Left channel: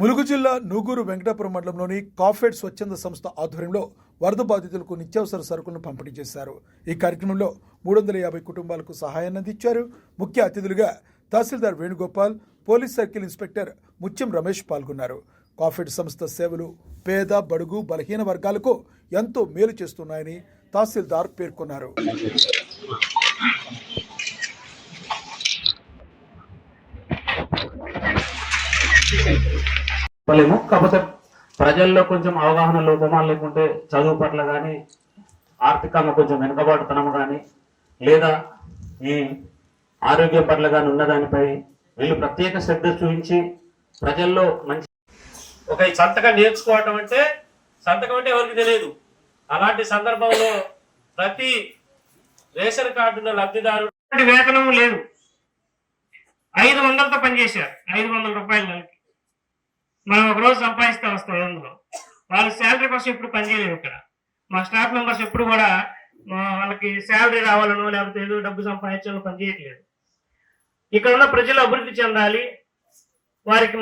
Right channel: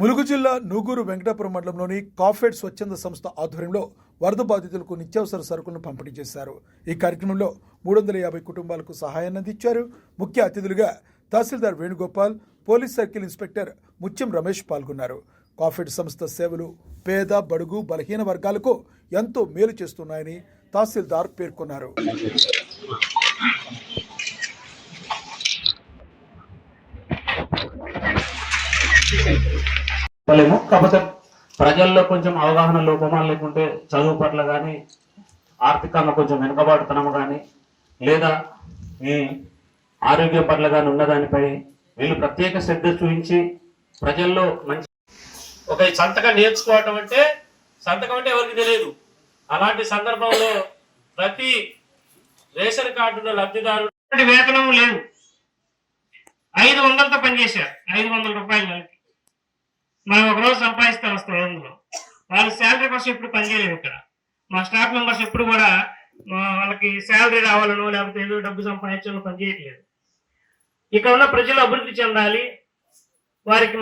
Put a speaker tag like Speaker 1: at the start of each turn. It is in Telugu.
Speaker 1: ములుగు జిల్లా నూగూరు వెంకటాపురం మండలంలోని కాఫెడ్ స్వచ్ఛంద సంస్థ ఆధ్వర్యంలో వరద బాధితులకు నిత్యావసర సరుకులను పంపిణీ చేశారు. ఈ కార్యక్రమంలో మూడు వందల యాభై కుటుంబాలకు సహాయాన్ని అందించారు. ముఖ్య అతిథులుగా tehsildar Venugopal police circle inspector Mutyam Ramesh పాల్గొన్నారు. కాఫెడ్ సంస్థ సేవలు పేద బడుగు బలహీన వర్గాలకు ఎంతో మేలు చేస్తున్నాయని తహసీల్దార్ పేర్కొన్నారు.
Speaker 2: చెప్పలేము. కాకపోతే ప్రజల్లో కొంచెం అవగాహన లోపమా లేకుంటే చదువు పట్ల కానీ ఆర్థికంగా కొంచెం వెనుకబాటుతనము కానీ లేదా ఈ ఆరోగ్యం పట్ల కానీ ఉన్నదానిపై వీళ్ళు ప్రత్యేక శ్రద్ధ చూపించి ప్రజల్లో మంచి ఒక సంతకం నేర్చుకోవటం అంటే సంతకం అంటే ఎవరికి తెలియదు. అలాంటి సందర్భంలో ప్రతి రేషన్ కార్డుల లబ్ధిదారు వేతనం లేదు. ఐదు వందలతో పనిచేశారు. ఐదు వందల రూపాయలు నెలకి. మనం ఒక రోజు సంపాదిస్తాం వస్తాం అందులో. వాళ్ళ శాలరీ కోసం ఎప్పుడు పనిచేయలేము ఇక్కడ. మా స్టాఫ్ మెంబర్స్ ఎప్పుడు కూడా వాళ్ళకి శాలరీ రావాలనో లేకపోతే ఏదో డబ్బు సంపాదించాలో పనిచేయట్లేదు ఇక్కడ ఉన్న ప్రజలు అభివృద్ధి చెందాలి. వారికి